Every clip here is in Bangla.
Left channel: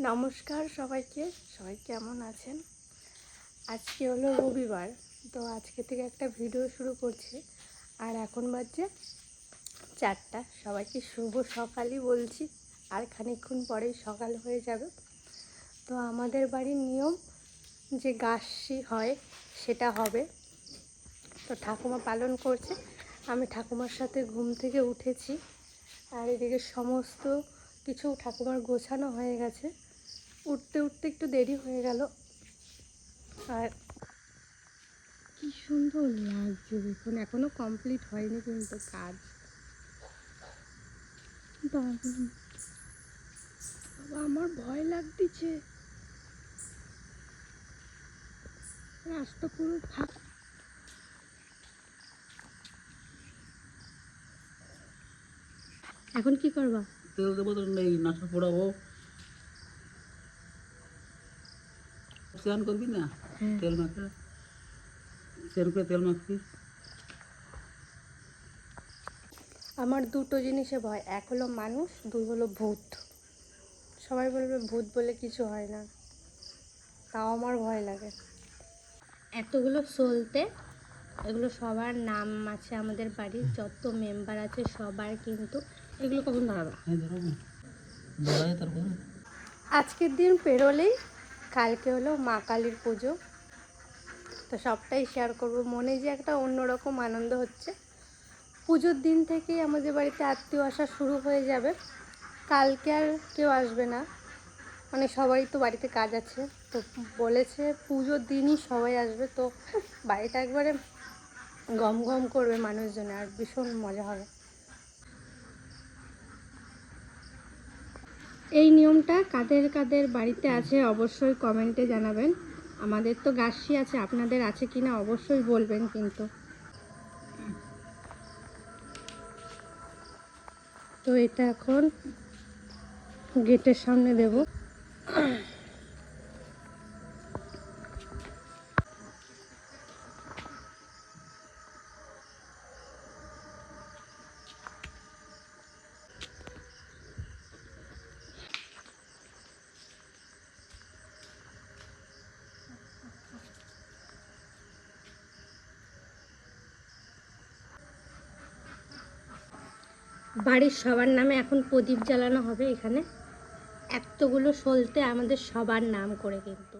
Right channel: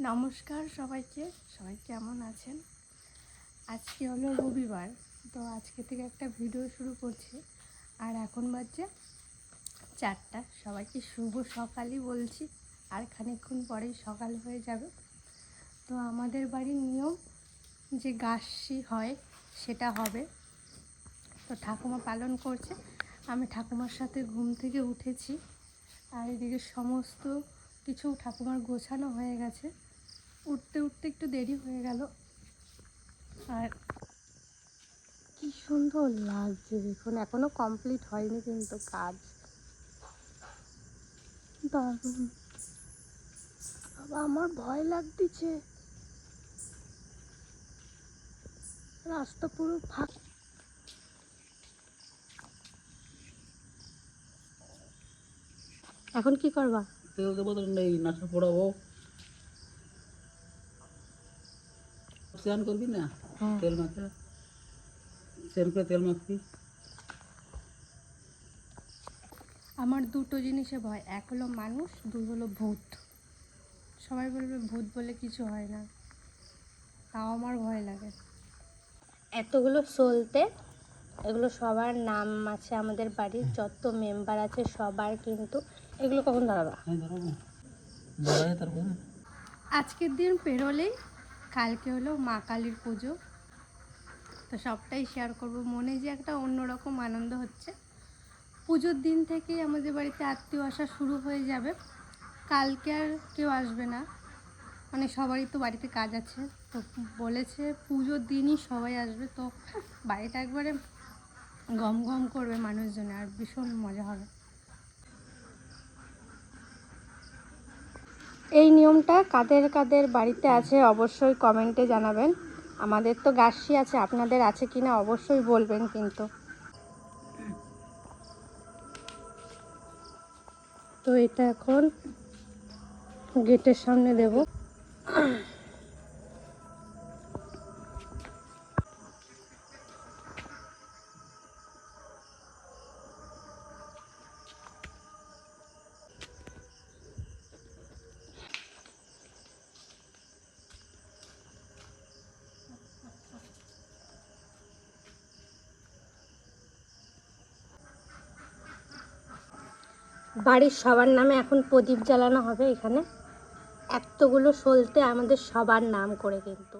নমস্কার সবাইকে। সবাই কেমন আছেন? আজকে হলো রবিবার, তো আজকে থেকে একটা ভিডিও শুরু করছি। আর এখন বাজছে চারটা। সবাইকে শুভ সকালই বলছি। আর খানিকক্ষণ পরেই সকাল হয়ে যাবে। তো আমাদের বাড়ির নিয়ম যে গাছটি হয়, সেটা হবে। তো ঠাকুমা পালন করছে। আমি ঠাকুমার সাথে ঘুম থেকে উঠেছি। আর এদিকে সমস্ত কিছু ঠাকুমার গোছানো হয়ে গেছে। উঠতে উঠতে একটু দেরি হয়ে গেল। আর কি সুন্দর লাগছে দেখুন, এখনও কমপ্লিট হয়নি কিন্তু কাজ। বাবা, আমার ভয় লাগতেছে রাস্তা পুরো ফাঁক এখন কি করবা? তেল দেবো তো নেই নাচা পড়াবো স্নান করবি না? তেল মাখা। স্নান করে তেল মাখবি। আমার দুটো জিনিসে ভয়। এক হলো মানুষ দুই হলো ভূত। সবাই বলবে ভূত বলে কিছু হয় না। তাও আমার ভয় লাগে। এতগুলো চলতে এগুলো সবার নাম আছে আমাদের বাড়ির যত মেম্বার আছে সবার কিন্তু এগুলো কখন হ্যাঁ ধরো বড়াই তারপরে? আজকের দিন পেরোলেই কালকে হলো মা কালীর পুজো। তো সবটাই শেয়ার করব। মনে যে একটা অন্যরকম আনন্দ হচ্ছে। পুজোর দিন থেকেই আমাদের বাড়িতে আত্মীয় আসা শুরু হয়ে যাবে। কালকে আর কেউ আসবে না। মানে সবারই তো বাড়িতে কাজ আছে। তো বলেছে পুজোর দিনই সবাই আসবে। তো বাড়িটা একবারে গম গম করবে মানুষজনে। আর ভীষণ মজা হবে। এই নিয়মটা কাদের কাদের বাড়িতে আছে অবশ্যই কমেন্টে জানাবেন। আমাদের তো গাছি আছে, আপনাদের আছে কি না অবশ্যই বলবেন কিন্তু। তো এটা এখন গেটের সামনে দেব। বাড়ির সবার নামে এখন প্রদীপ জ্বালানো হবে এখানে। এতগুলো সলতে আমাদের সবার নাম করে কিন্তু।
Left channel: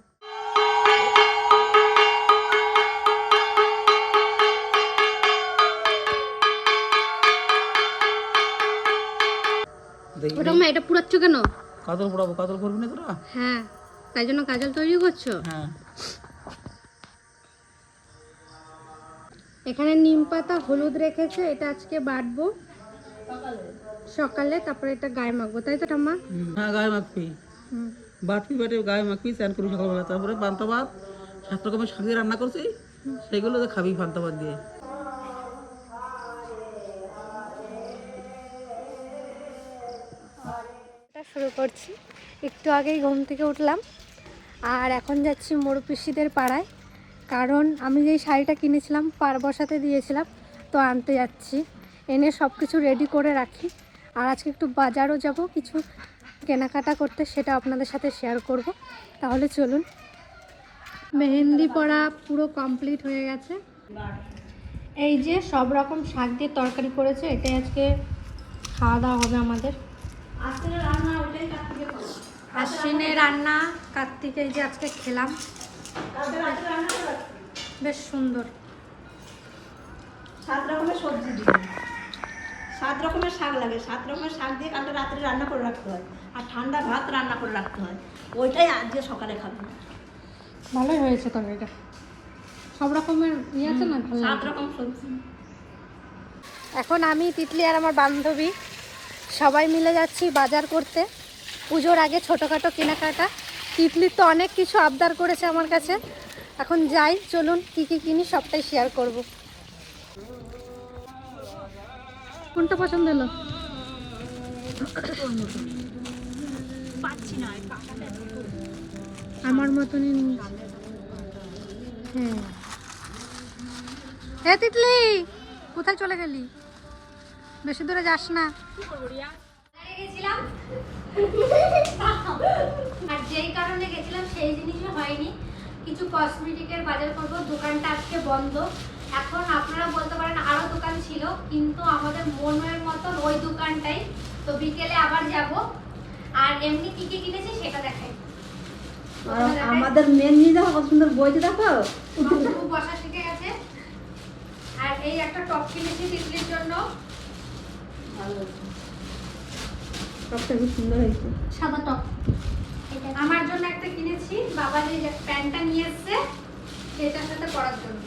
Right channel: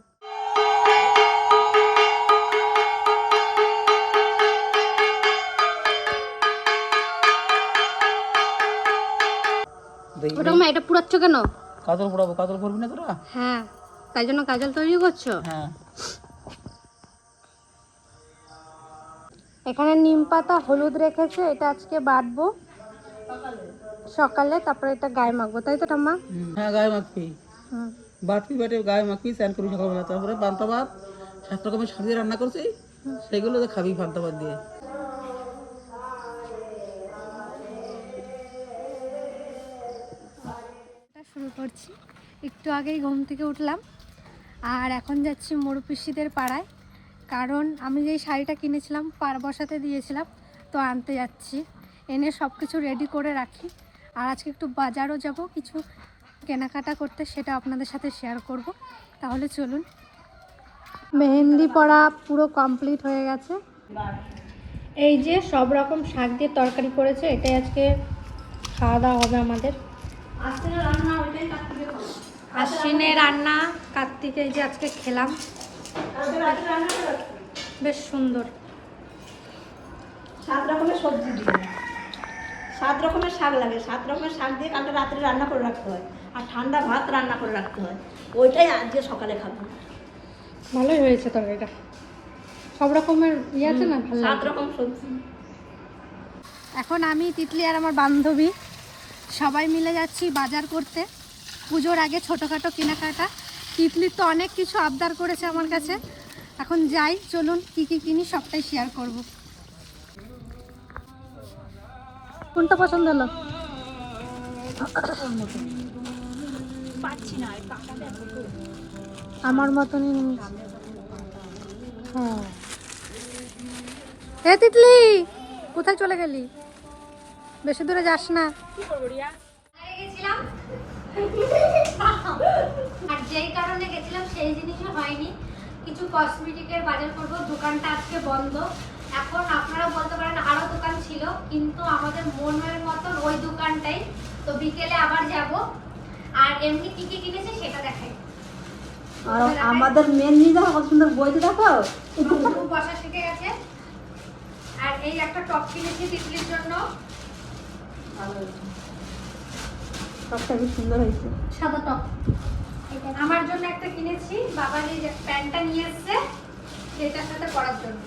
এটা পুরাচ্ছ কেন? কাতল পড়াবো কাতল করবি না তোরা? হ্যাঁ তাই জন্য কাজল তৈরি করছ? হ্যাঁ। এখানে নিম পাতা হলুদ রেখেছে এটা আজকে বাটবো। সকালে তারপরে এটা গায়ে মাখবো তাই তো ঠাম্মা? হ্যাঁ গায়ে মাখবি। হুম। বাটবি বাটে গায়ে মাখবি স্নান করবি সকালবেলা। তারপরে পান্তা ভাত সাত রকমের শাক দিয়ে রান্না করছি সেগুলো তো খাবি পান্তা ভাত দিয়ে। এটা শুরু করছি। একটু আগেই ঘুম থেকে উঠলাম আর এখন যাচ্ছি মোড় পিসিদের পাড়ায়। কারণ আমি যেই শাড়িটা কিনেছিলাম পার বসাতে দিয়েছিলাম তো আনতে যাচ্ছি। এনে সব কিছু রেডি করে রাখি। আর আজকে একটু বাজারও যাব কিছু কেনাকাটা করতে সেটা আপনাদের সাথে শেয়ার করব। তাহলে চলুন। মেহেন্দি পড়া পুরো কমপ্লিট হয়ে গেছে। এই যে সব রকম শাক দিয়ে তরকারি করেছে এটাই আজকে খাওয়া দাওয়া হবে আমাদের। আশ্বিনে রান্না কার্তিকে এই যে আজকে খেলাম। বেশ সুন্দর। সাত রকমের সবজি সাত রকমের শাক লাগে। সাত রকমের শাক দিয়ে কালকে রাত্রে রান্না করে রাখতে হয়। আর ঠান্ডা ভাত রান্না করে রাখতে হয়। ওইটাই আজকে সকালে খাব। ভালোই হয়েছে তরকারিটা সব রকমের ইয়ে আছে না? ভালো সাত রকম সবজি। এখন আমি তিতলি আর আমার বান্ধবী সবাই মিলে যাচ্ছি বাজার করতে। পুজোর আগে ছোটোখাটো কেনাকাটা। তিতলির তো অনেক কিছু আবদার করেছে আমার কাছে। এখন যাই চলুন কী কী কিনি সবটাই শেয়ার করব। কোনটা পছন্দ হলো? আমার মতনই হ্যাঁ। হ্যাঁ তিতলি, কোথায় চলে গেলি? বেশি দূরে যাস না। কি করব রিয়া গেছিলাম আর কিছু হয়নি। কিছু কসমেটিকের বাজার করব, দোকানটা আজকে বন্ধ। এখন আপনারা বলতে পারেন আরও দোকান ছিল কিন্তু আমাদের মনের মতন ওই দোকানটাই। তো বিকেলে আবার যাব। আর এমনি কি কি কিনেছি সেটা দেখাই। আমাদের মেন জিনিস কত সুন্দর বইতে দেখো। খুব বসা শিখে গেছে। আর এই একটা টপ কিনেছি তিতলির জন্য। সবটা খুব সুন্দর হয়েছে। সাদা টপ। আমার জন্য একটা কিনেছি। বাবা যে প্যান্টটা নিয়ে এসছে সেটার সাথে পরার জন্য।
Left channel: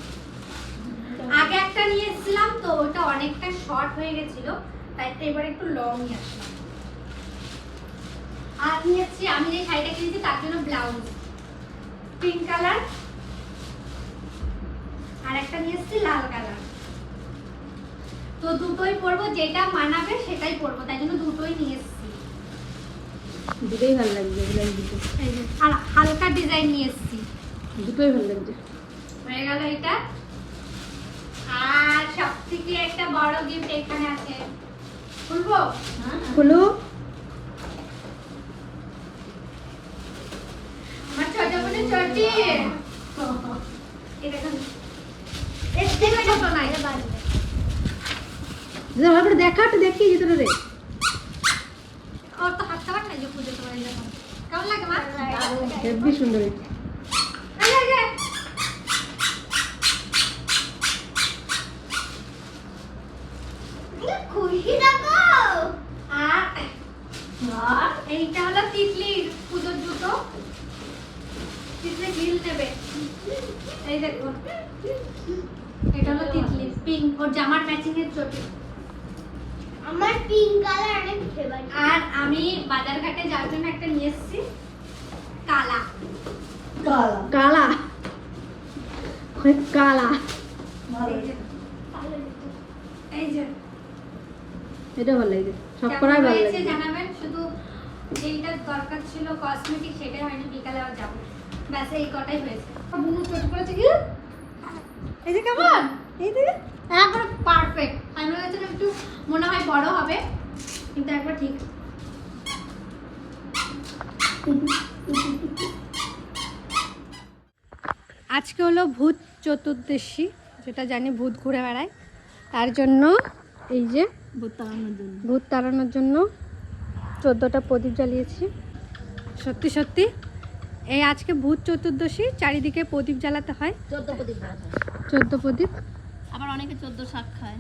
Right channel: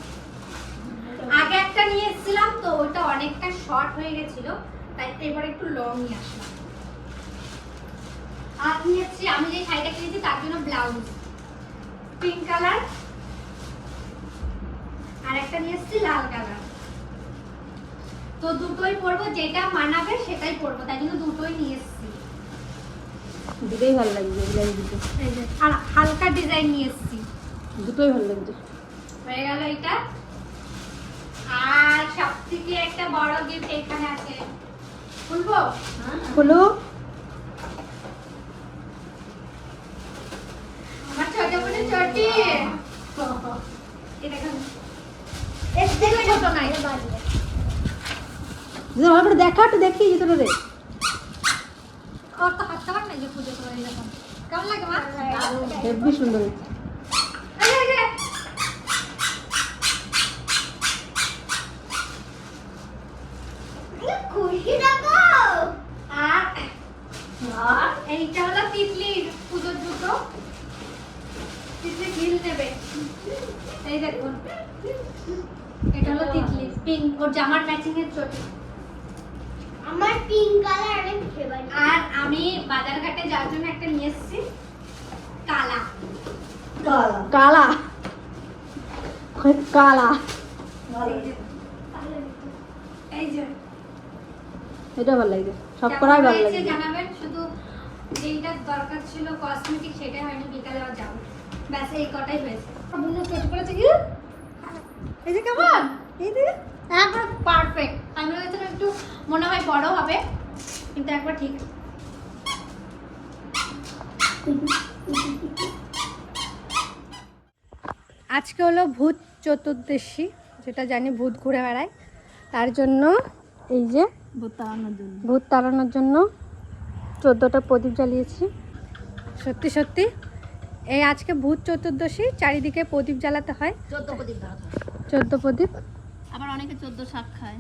আগে একটা নিয়ে এসেছিলাম তো ওটা অনেকটা শর্ট হয়ে গেছিল তাই এবার একটু লং নিয়ে আসলাম। আর নিয়েছি আমি যে শাড়িটা কিনেছি তার জন্য ব্লাউজ পিঙ্ক কালার আর একটা নিয়ে এসেছি লাল কালার তো দুটোই পরবো যেটা মানাবে সেটাই পরবো তাই জন্য দুটোই নিয়ে এসেছি দুটোই ভালো লাগছে দুটো। আর হালকা ডিজাইন নিয়ে এসেছি। দুটোই ভালো লাগছে হয়ে গেল এটা। আর সব থেকে একটা বড় গিফট এখানে আছে। খুলবো? হলো আমার ছোট বোনের চটি। এর থেকে ছোট নাই। দিদা ভালো দেখা ভিতরে। রে ওর তো হাত খাবার যে পুজো করে কেমন লাগে মা? হেব্বি সুন্দর হয়েছে এই, এই, এই। আর এইটা হলো তিতলির পুজোর জুতো তিতলি হিল নেবে এই দেখুন এটা হলো তিতলি পিঙ্ক ওর জামার ম্যাচিং এর চটি। আমার পিঙ্ক কালার অনেক ফেভারিট আর আমি বাজারঘাটে যাওয়ার জন্য একটা নিয়ে এসেছি কালা। কালা। কালা। এই যে। এই যে। এটা ভালো লাগছে সব করাই ভালো লাগছে জানাবেন? শুধু যেইটা দরকার ছিল কসমেটিক সেটাই হয়নি বিকালে আবার যাব। ব্যাস এই কটাই হয়েছে। বুনু চোট করেছে কি? এই যে কেমন? এই যে? একবার পারফেক্ট আমি ভেবেছিলাম একটু মনে হয় বড় হবে কিন্তু একবার ঠিক। আজকে হলো ভূত চতুর্দশী যেটা জানি ভূত ঘুরে বেড়ায়। তার জন্য এই যে বোতানোর জন্য। ভূত তাড়ানোর জন্য চোদ্দোটা প্রদীপ জ্বালিয়েছি। সত্যি সত্যি? এই আজকে ভূত চতুর্দশী চারিদিকে প্রদীপ জ্বালাতে হয়। চোদ্দ প্রদীপ চোদ্দ প্রদীপ। আবার অনেকে চোদ্দ শাক খায়।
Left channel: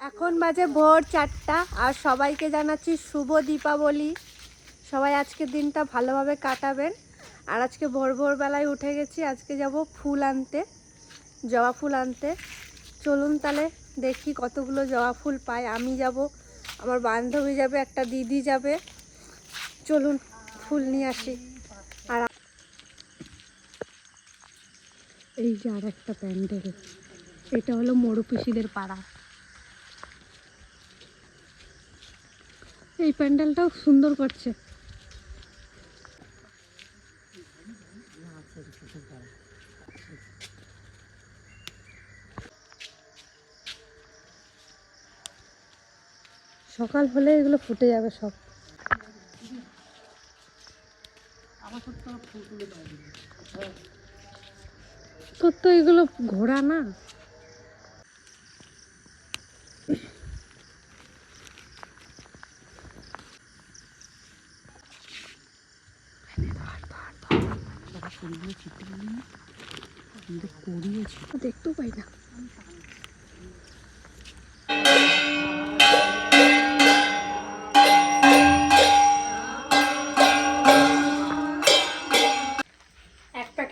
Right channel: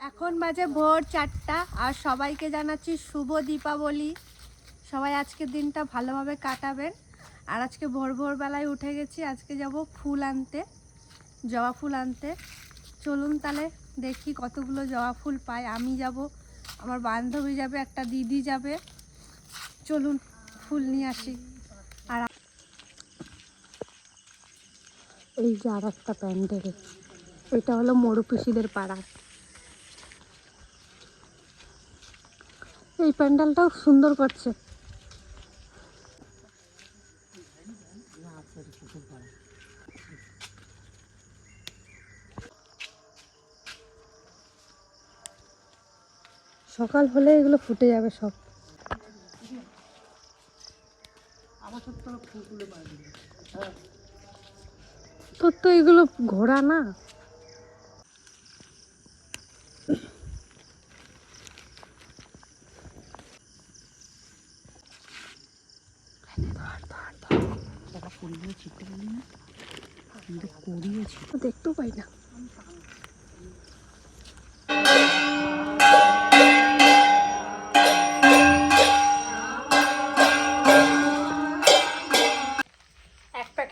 এখন বাজে ভোর চারটা আর সবাইকে জানাচ্ছি শুভ দীপাবলি। সবাই আজকের দিনটা ভালোভাবে কাটাবেন। আর আজকে ভোর ভোরবেলায় উঠে গেছি আজকে যাব ফুল আনতে জবা ফুল আনতে। চলুন তাহলে দেখি কতগুলো জবা ফুল পাই। আমি যাব আমার বান্ধবী যাবে একটা দিদি যাবে। চলুন, ফুল নিয়ে আসি। আর এই যে আর একটা প্যান্ডেল। এটা হলো মরুপিসিদের পাড়া। এই প্যান্ডেলটাও সুন্দর করছে। সকাল হলে এগুলো ফুটে যাবে সব। তোর তো এগুলো ঘোড়া না। দেখতেও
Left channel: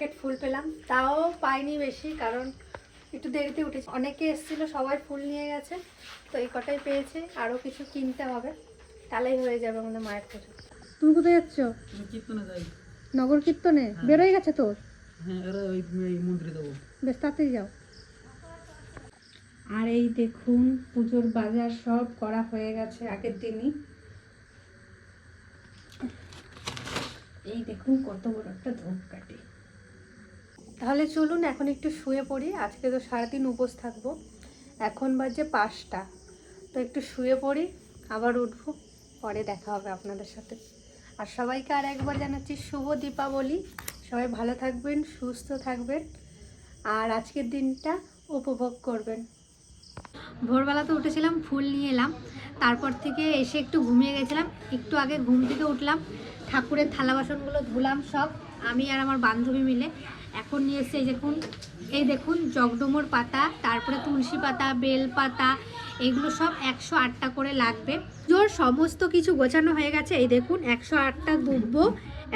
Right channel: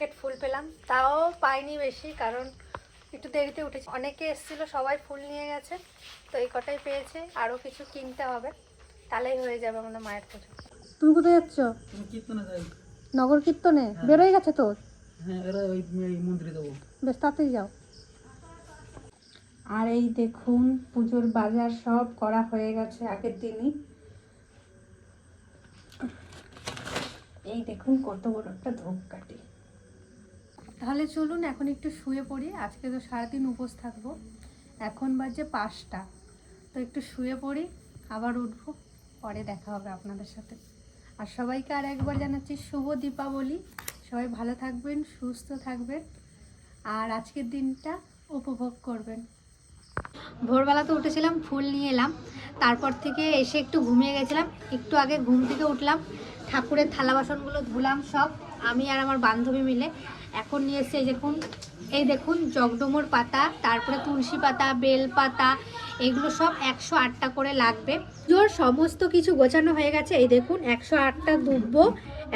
প্যাকেট ফুল পেলাম। তাও পাইনি বেশি কারণ একটু দেরিতে উঠেছি। অনেকে এসেছিল সবাই ফুল নিয়ে গেছে তো এই কটাই পেয়েছে আরও কিছু কিনতে হবে। তাহলেই হয়ে যাবে আমাদের মায়ের পুজো। তুমি কোথায় যাচ্ছ? তুমি কীর্তনে যাই। নগর কীর্তনে? বেরোয় গেছে তোর? হ্যাঁ এরা ওই মন্দিরে যাব। বেশ তাড়াতাড়ি যাও। আর এই দেখুন পুজোর বাজার সব করা হয়ে গেছে আগের দিনই। এই দেখুন কত বড় একটা ধূপকাঠি। তাহলে চলুন এখন একটু শুয়ে পড়ি। আজকে তো সারাদিন উপোস থাকব। এখন বাজে পাঁচটা। তো একটু শুয়ে পড়ি, আবার উঠবো। পরে দেখা হবে আপনাদের সাথে। আর সবাইকে আর একবার জানাচ্ছি শুভ দীপাবলি। সবাই ভালো থাকবেন, সুস্থ থাকবেন। আর আজকের দিনটা উপভোগ করবেন। ভোরবেলা তো উঠেছিলাম, ফুল নিয়ে এলাম। তারপর থেকে এসে একটু ঘুমিয়ে গেছিলাম। একটু আগে ঘুম থেকে উঠলাম। ঠাকুরের থালা বাসনগুলো ধুলাম সব। আমি আর আমার বান্ধবী মিলে। এখন নিয়ে এসছে এই দেখুন এই দেখুন জগডমোর পাতা, তারপরে তুলসী পাতা, বেল পাতা, এগুলো সব একশো আটটা করে লাগবে। জোর সমস্ত কিছু গোছানো হয়ে গেছে, এই দেখুন, একশো আটটা দুব্ব,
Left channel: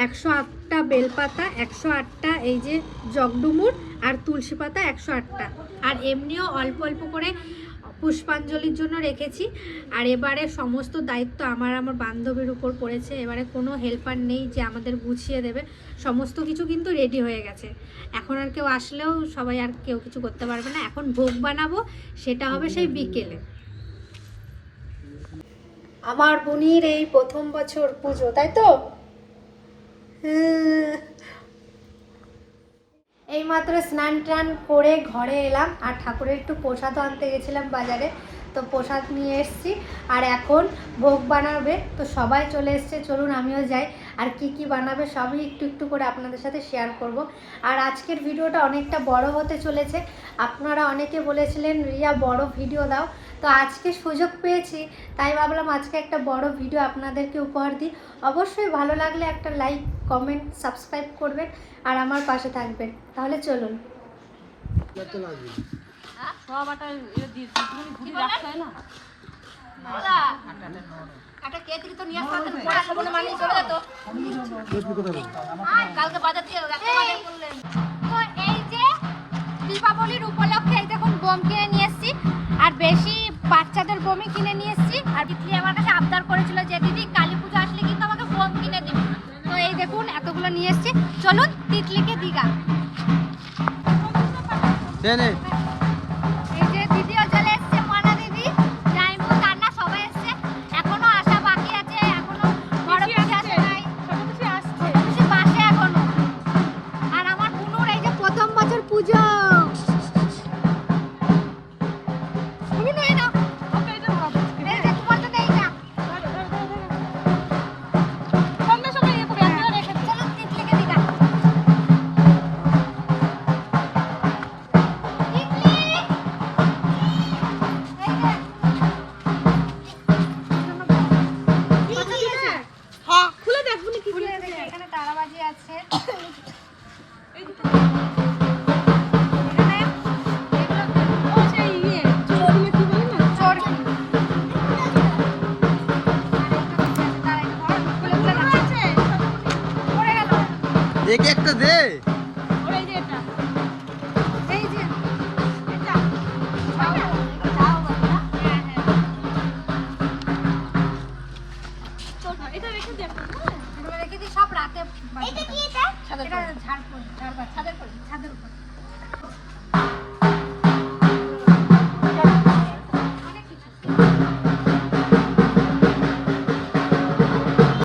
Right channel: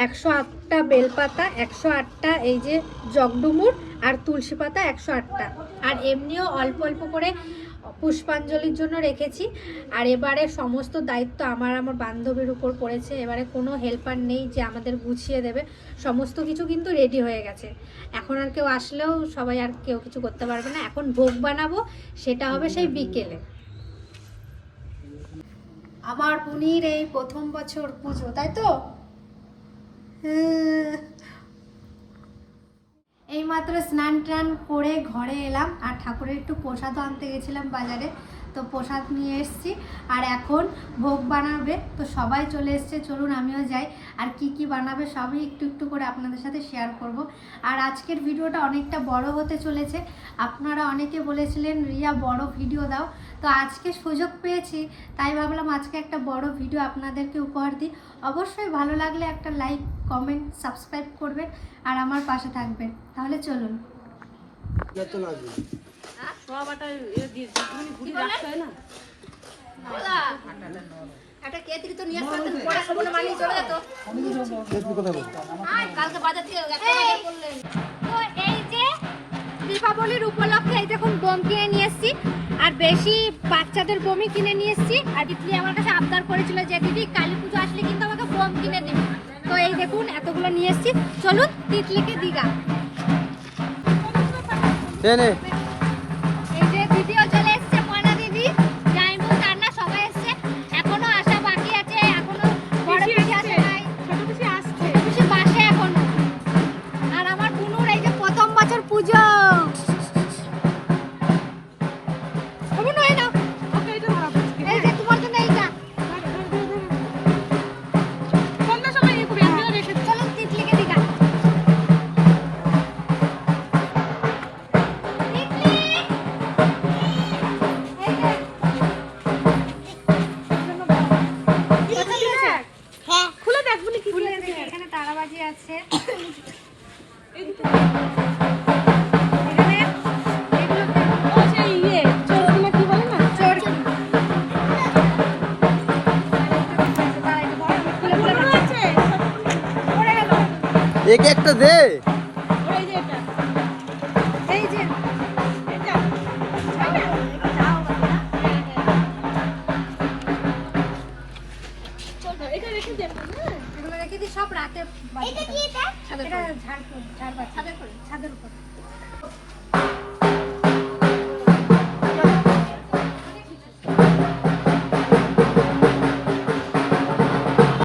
একশো আটটা বেলপাতা একশো আটটা এই যে জগডুমুর আর তুলসী পাতা একশো আটটা। আর এমনিও অল্প অল্প করে পুষ্পাঞ্জলির জন্য রেখেছি। আর এবারে সমস্ত দায়িত্ব আমার আমার বান্ধবীর উপর পড়েছে। এবারে কোনো হেল্পার নেই যে আমাদের গুছিয়ে দেবে। সমস্ত কিছু কিন্তু রেডি হয়ে গেছে। এখন আর কেউ আসলেও সবাই আর কেউ কিছু করতে পারবে না। এখন ভোগ বানাবো, সেটা হবে সেই বিকেলে। আমার বোনির এই প্রথম বছর পুজো, তাই তো? হ্যাঁ। এইমাত্র স্নান টান করে ঘরে এলাম আর ঠাকুরের একটু প্রসাদও আনতে গেছিলাম বাজারে। তো প্রসাদ নিয়ে এসেছি আর এখন ভোগ বানাবে। তো সবাই চলে এসছে, চলুন আমিও যাই। আর কি কি বানাবে সবই একটু একটু করে আপনাদের সাথে শেয়ার করব। আর আজকের ভিডিওটা অনেকটা বড় হতে চলেছে। আপনারা অনেকে বলেছিলেন, রিয়া, বড় ভিডিও দাও। তো আজকে সুযোগ পেয়েছি, তাই ভাবলাম আজকে একটা বড় ভিডিও আপনাদেরকে উপহার দিই। অবশ্যই ভালো লাগলে একটা লাইক কমেন্ট সাবস্ক্রাইব করবেন। আর আমার পাশে থাকবেন তাহলে চলুন। মানি দীপাবলির উপলক্ষে এই দেখুন বোম কিনে নিয়ে এসেছি। আর বেশি বাচ্চাদের বোমই কিনে নিয়ে এসেছি। আর দিদি আমার কাছে আবদার করেছিল যে দিদি কালী পুজো আসলে কিন্তু আমাকে বোম কিনে দিবে। দেখুন এতগুলো নিয়ে এসেছি। চলুন তিতলিকে দিঘা